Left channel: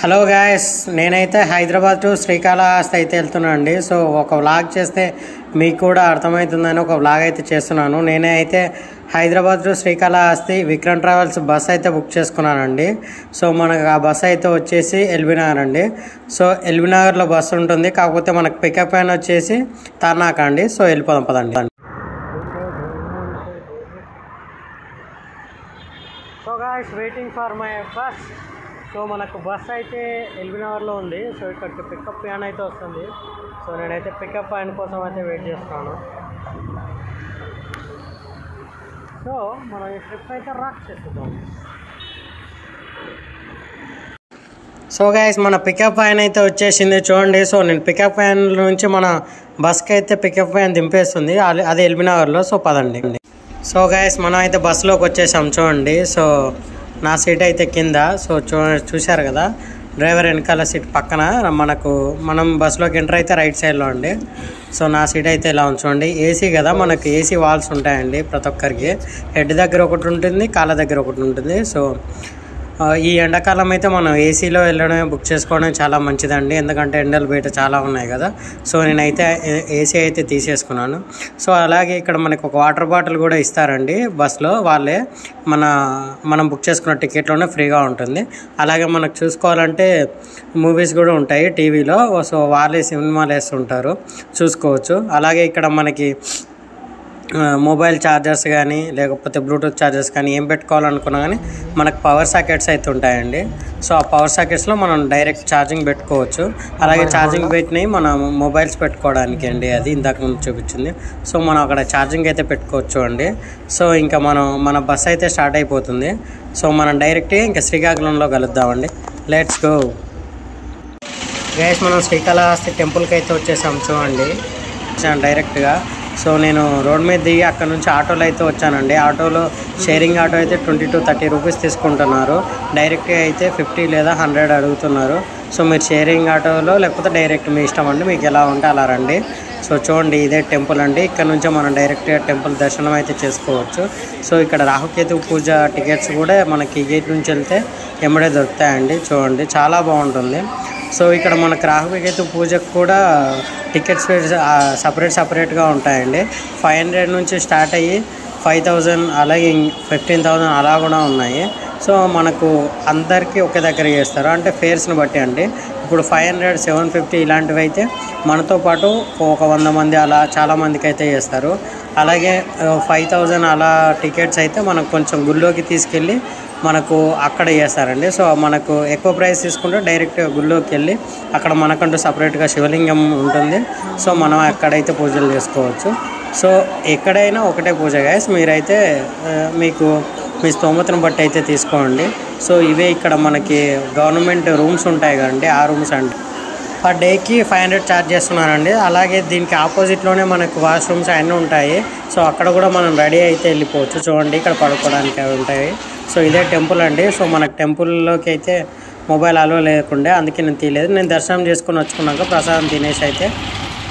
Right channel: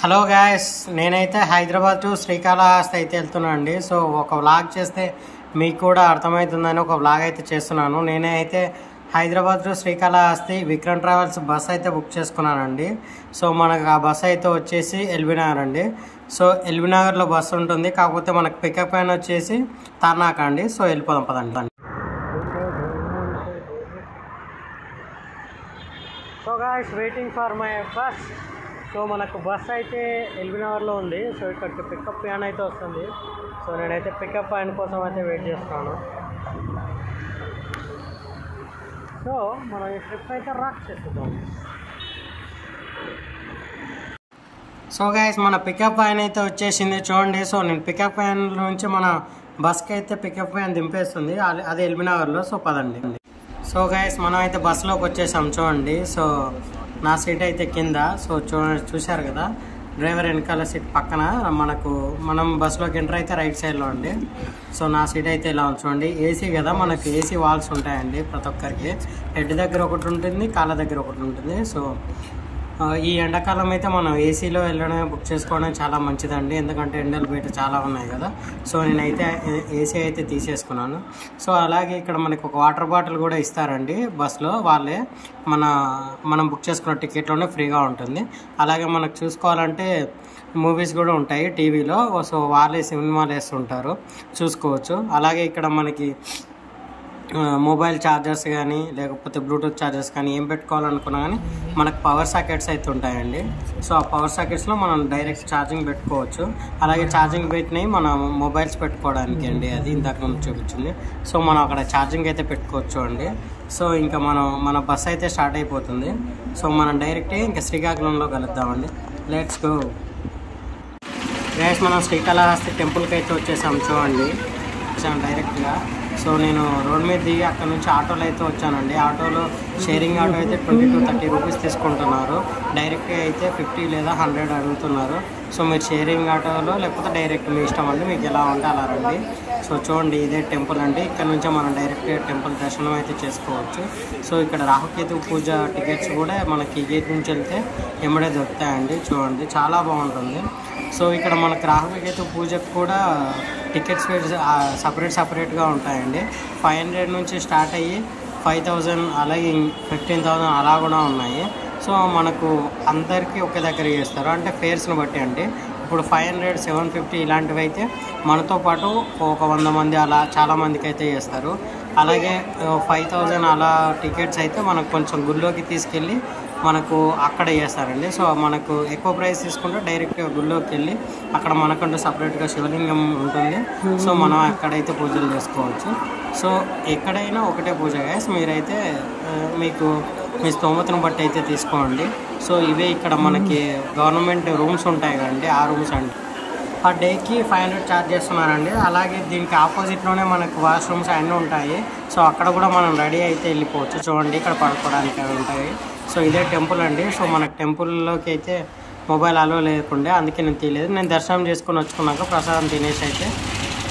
Hello guys, నేనైతే Hyderabad to Srikalahasti అయితే వెళ్తున్నాను అండి. సో ఒక వ్లాగ్ చేస్తే మీకు కూడా అర్థమవుతుందని ఒక వ్లాగ్ అయితే చేస్తున్నాను. నేనే అయితే Hyderabad to Srikalahasti Vikram travels bus అయితే బుక్ చేసుకున్నానండి. సో మనకు ఆ బస్ అయితే వచ్చేసి ఎల్బీ నగర్ అండి. సో ఎల్బీ నగర్లో బస్సు ఉంటుంది, కాకపోతే మనకు పికప్ అయిన వచ్చేసి తార్నాక అండి. సో వెళ్ళిపోదాం పదండి. So guys, waiting for my bus. So మనకు బస్ అయితే ఎల్బీ నగర్లో ఉంది. సో ఇక్కడికి పికప్ వ్యాన్ అయితే వస్తుంది. సో నేనైతే పికప్ వ్యాన్ కోసం అయితే వెయిట్ చేస్తాను. సో మనం ఈ ట్రిప్ అయితే రాక్ చేస్తున్నాం. సో గైస్, మన పికప్ వ్యాన్ అయితే వచ్చేసింది చూడండి. సో నేను పికప్ వ్యాన్ నుంచి మన బస్కి అయితే పికప్ వ్యాన్ దింపేస్తుంది, అది ఎల్బీ నగర్లో. సో పదండి. సో గైస్, మనం అయితే బస్సులోకి వచ్చేసాం చూడండి. సో నా సీట్ అయితే కింద. సో చూశారు కదా, డ్రైవర్ వెనకాల సీట్ పక్కన మనం బస్సులోకి ఎంటర్ అయితే రైట్ సైడ్లో అండి. సో నా సీట్ అయితే ఇలా ఉంచండి. ఏసీ కదా, మనకి ఏసీ వాల్స్ ఉంటాయండి ప్రతి ఒక్కరికి. హెడ్ దగ్గర ఒకటి ఉంటుంది, కాళ్ళ దగ్గర ఒకటి ఉంటుంది. సో ఈ ఎండాకాలం అయితే మనం ఏసీలో వెళ్ళడమే బుక్ చేసుకోవడం చాలా మంచిదండి, ఎందుకంటే ఎండలు బయట చాలా ఉన్నాయి కదా. సో నేనైతే ఏసీ అయితే తీసేసుకున్నాను. సో అలాగే ఇక్కడ మనకు ఒక వాటర్ బాటిల్ కూడా ఇస్తారండి బస్లో, వాళ్ళే మనం బుక్ చేసుకున్న టికెట్లోనే ఫ్రీగా ఉంటుంది. అలాగే మనకు చూసుకోవాలంటే మూవీస్ కూడా ఉంటాయి టీవీలో. సో వాళ్ళే సినిమాలు వేస్తుంటారు, చూసుకోవచ్చు. అలాగే ఇక్కడ మనకి మొబైల్ ఛార్జర్స్ కానీ లేకపోతే బ్లూటూత్ ఛార్జర్స్ కానీ ఏం పెట్టుకోవాలనుకున్నా కానీ మనకు పవర్ సాకెట్స్ అయితే ఉంటాయండి. సో ఆ పవర్ సాకెట్స్లో మనం డైరెక్ట్ ఛార్జింగ్ పెట్టుకోవచ్చు. అలాగే ఛార్జింగ్ పెట్టినవి మన మొబైల్స్ పెట్టుకోవడానికి అండి, అది ఇందాక ముందు చూపించింది. సో మనం అక్కడ ఛార్జింగ్ అయితే పెట్టుకోవచ్చు అండి. సో ఇంకా మన బస్ అయితే స్టార్ట్ అయిపోతుంది. సో మనం డైరెక్ట్గా ఇంకా శ్రీకాకుళంలో కలుద్దామండి. Let's go guys. మనం శ్రీకాళహస్తి టెంపుల్కి అయితే వచ్చేసాం చూడండి డైరెక్ట్గా. సో నేను రోడ్ మీద దిగి అక్కడ నుంచి ఆటోలో అయితే వచ్చానండి. ఆటోలో షేరింగ్ ఆటో అయితే 20 to 30 రూపీస్ తీసుకుంటున్నారు. డైరెక్ట్గా అయితే 50 లేదా 100 అడుగుతున్నారు. సో మీరు షేరింగ్ ఆటోలో లేకపోతే డైరెక్ట్ మీ ఇష్టం అండి, మీకు ఎలా ఉంటే అలా రండి. సో చూడండి, ఇదే టెంపుల్ అండి. ఇక్కడ నుంచే మనం డైరెక్ట్గా టెంపుల్ దర్శనం అయితే చేసుకోవచ్చు. సో ఇక్కడ రాహుకేతు పూజ టికెట్స్ కూడా మనకి గేట్ నుంచి వెళ్తే ఎమ్మడే దొరుకుతాయండి. చూడండి, చాలా బాగుంటుంది. సో ఇక్కడ మనకు రాహుకేతు పూజకు కూడా టికెట్స్ సపరేట్గా ఉంటాయండి. 500 నుంచి స్టార్ట్ అయ్యి 5000, అలాగే 15,000 అలా కూడా ఉన్నాయి. సో మనకు అందరికీ ఒకే దగ్గర చేస్తారు, అంటే ఫేర్స్ని బట్టి అండి. ఇప్పుడు 500, 750 ఇలాంటివి అయితే మనతో పాటు ఒక 100 మంది అలా చాలామందికి అయితే చేస్తారు. అలాగే 5000 అలా టికెట్స్ అయితే మనకు కొంచెం గుళ్ళోకి తీసుకెళ్ళి మనకు అక్కడ చేస్తారండి. సో మనకు ఎక్కువ ప్రైస్ తీసుకుంటే డైరెక్ట్గా గుళ్ళోకి వెళ్ళి అక్కడ మనకంటూ సపరేట్గా శివలింగం ఉంటుంది. సో మనం అక్కడైతే పూజలు చేసుకోవచ్చు. సో ఎక్కడైనా ఒకటే పూజ గాయస్, మీరైతే మీకు మీ స్తోమతను బట్టి అయితే తీసుకోండి. సో ఇవే ఇక్కడ మనకి గవర్నమెంట్ రూమ్స్ ఉంటాయి కదండి, ఆ రూమ్స్ అంటే పర్ డేకి 500 ఛార్జ్ చేస్తున్నారండి. అలాగే దీనికి ఆపోజిట్లోనే మనకు వాష్రూమ్స్ అన్నీ ఉంటాయి. సో అక్కడ కూడా మనం రెడీ అయితే వెళ్ళిపోవచ్చు. చూడండి, ఇక్కడ పడుకోవడానికి అవి ఉంటాయి. సో ఇదే టెంపుల్ అండి. సో మనకు టెంపుల్లోకి అయితే మొబైల్ అలో లేకుండే, అందుకే నేను తీయలేదు. నేను దర్శనం చేసుకొని వచ్చుకున్నాక ప్రసాదం తినేసి అయితే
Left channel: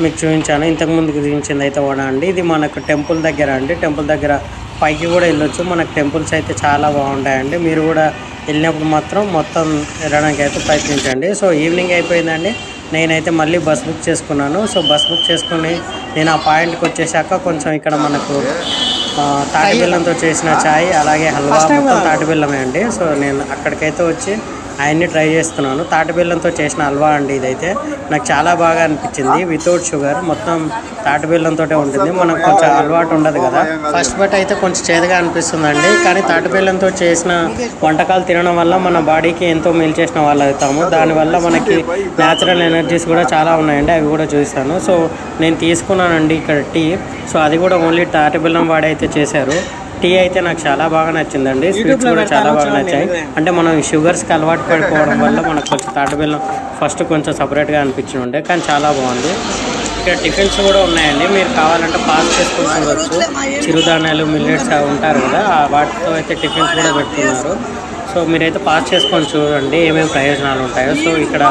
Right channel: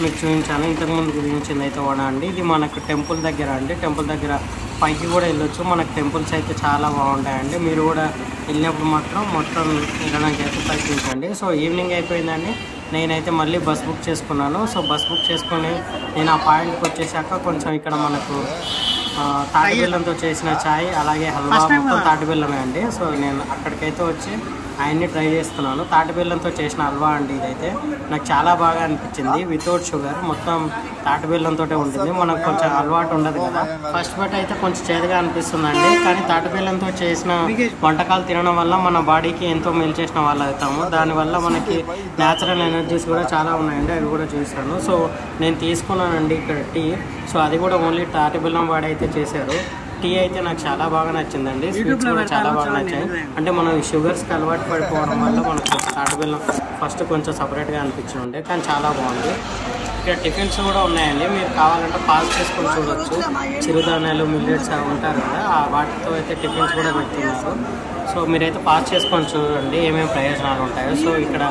మీకు చూపించాను. ఇంతకుముందుకు చూపించింది అయితే కూడా అండి. ఇది మనకు టెంపుల్ దగ్గర అండి. టెంపుల్ దగ్గర పైకి కూడా వెళ్ళొచ్చు. మనకు టెంపుల్స్ అయితే చాలా బాగుంటాయండి. మీరు కూడా వెళ్ళినప్పుడు మాత్రం మొత్తం వెళ్ళడానికి అయితే ప్రయత్నించండి. సో ఈవినింగ్ అయిపోయిందండి. నేనైతే మళ్ళీ బస్ బుక్ చేసుకున్నాను. సో బస్ బుక్ చేసుకుని నేను ఆ పాయింట్కి వచ్చేసాక కొంచెం ఇక్కడ మనకు తాటి బెల్లంతో చేసిన ఛాయ్, అలాగే హల్వా, మొత్తం తాటి బెల్లమే అండి. సో నేను అక్కడికైతే వచ్చి అవన్నీ ట్రై చేస్తున్నాను. తాటి బెల్లంతో చేసిన హల్వా అండి ఇదైతే. నాకు చాలా బాగా అనిపించింది. వితౌట్ షుగర్, మొత్తం తాటి బెల్లంతో ఉంటుంది. మనకు కొంచెం అలవాటు ఉండదు కదా, ఫస్ట్ బట్ అయితే కొంచెం చేదుగా అనిపిస్తుందండి. కానీ తాటి బెల్లంతో చేసిన వంటకాలు తినడం వల్ల మన బాడీకి ఎంతో మేలు చేసిన వాళ్ళు అవుతాము. దానివల్ల మనకి న్యాచురల్ ఎనర్జీస్ కూడా చాలా ఉన్నాయండి, అవి కూడా చూపిస్తాను. సో నేను తీసుకున్నానండి ఇక్కడ టీ. సో అది కూడా ఓన్లీ తాటి బెల్లం వాడి అయితే చేశారు. టీ అయితే నాకు చాలా బాగా నచ్చిందండి. స్వీట్స్ కూడా చాలా బాగా నచ్చాయి. అంటే మనం షుగర్స్కి అలవాటు పడిపోవడం వల్ల మనకు కొంచెం తాటి బెల్లం ఫస్ట్ కొంచెం సపరేట్గా అనిపించి ఉండే, కానీ చాలా బాగుంది. ఇక్కడ టిఫిన్స్ కూడా ఉన్నాయండి, మీరు కావాలంటే పాస్ చేసుకొని చూడవచ్చు. చిరుధాన్యాలు, మిల్లెట్స్ ఉంటారు కదా, వాటితో అయితే టిఫిన్స్ కూడా పెడుతున్నారు. సో సో మీరైతే పాస్ చేసుకొని చూడండి ఏమేమి ప్రయోజనాలు ఉంటాయో. సో ఇక్కడ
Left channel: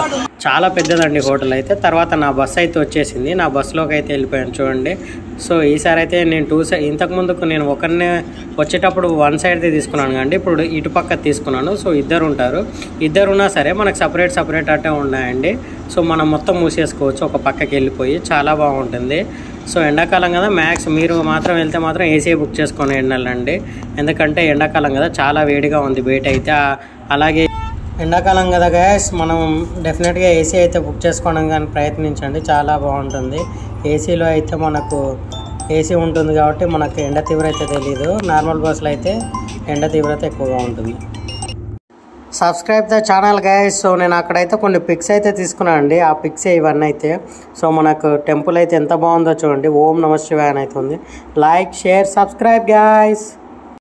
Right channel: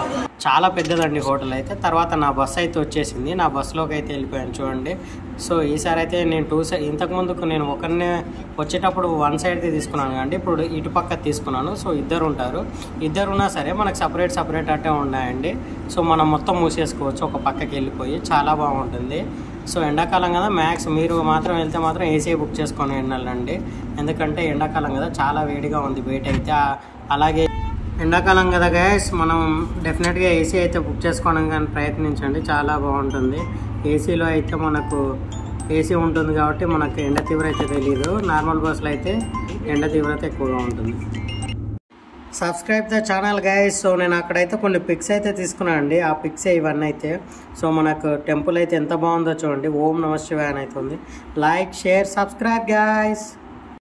చాలా పెద్దదండి హోటల్ అయితే. తర్వాత నా బస్సు అయితే వచ్చేసింది, నా బస్సులోకి అయితే వెళ్ళిపోయాను చూడండి. సో ఈసారి అయితే నేను ఇంతకుముందుకు నేను ఒకరినే వచ్చేటప్పుడు వన్ సైడ్ది తీసుకున్నాను కండి, ఇప్పుడు ఇటుపక్క తీసుకున్నాను. సో ఇద్దరు ఉంటారు, ఇద్దరు ఉన్నా సరే మనకు సపరేట్ అట్టే ఉన్నాయండి. సో మనం మొత్తం మూసేసుకోవచ్చు ఒక పక్కకి వెళ్ళిపోయి, చాలా బాగుంటుంది. సో ఎండాకాలం కదా, మ్యాక్స్ మీరు మాత్రం వెళ్తే మాత్రం ఏసీ బుక్ చేసుకొని వెళ్ళండి, ఎందుకంటే ఎండాకాలం కదా చాలా వేడిగా ఉంది బయట అయితే. అలాగే ఎండాకాలం కదా గైస్, మనం డెఫినెట్గా ఏసీ అయితే బుక్ చేసుకోవడం కానీ ప్రయత్నించండి, చాలా బాగుంటుంది. ఏసీలో అయితే మనకు ఏసీ ఉంటుంది కాబట్టి మనకు ఎండ తీవ్రత తెలీదు, నార్మల్ బస్సులో అయితే ఎండ తీవ్రత ఎక్కువగా ఉంటుంది. Subscribe the channel guys. So నేను అక్కడైతే కొన్ని పిక్స్ అయితే తీసుకున్నాను అండి, ఆ పిక్సే ఇవన్నీ అయితే. సో మనకు టెంపుల్ అయితే ఎంత బాగుందో చూడండి, ఓం నమః శివాయ అని అయితే ఉంది. Like, share, subscribe guys.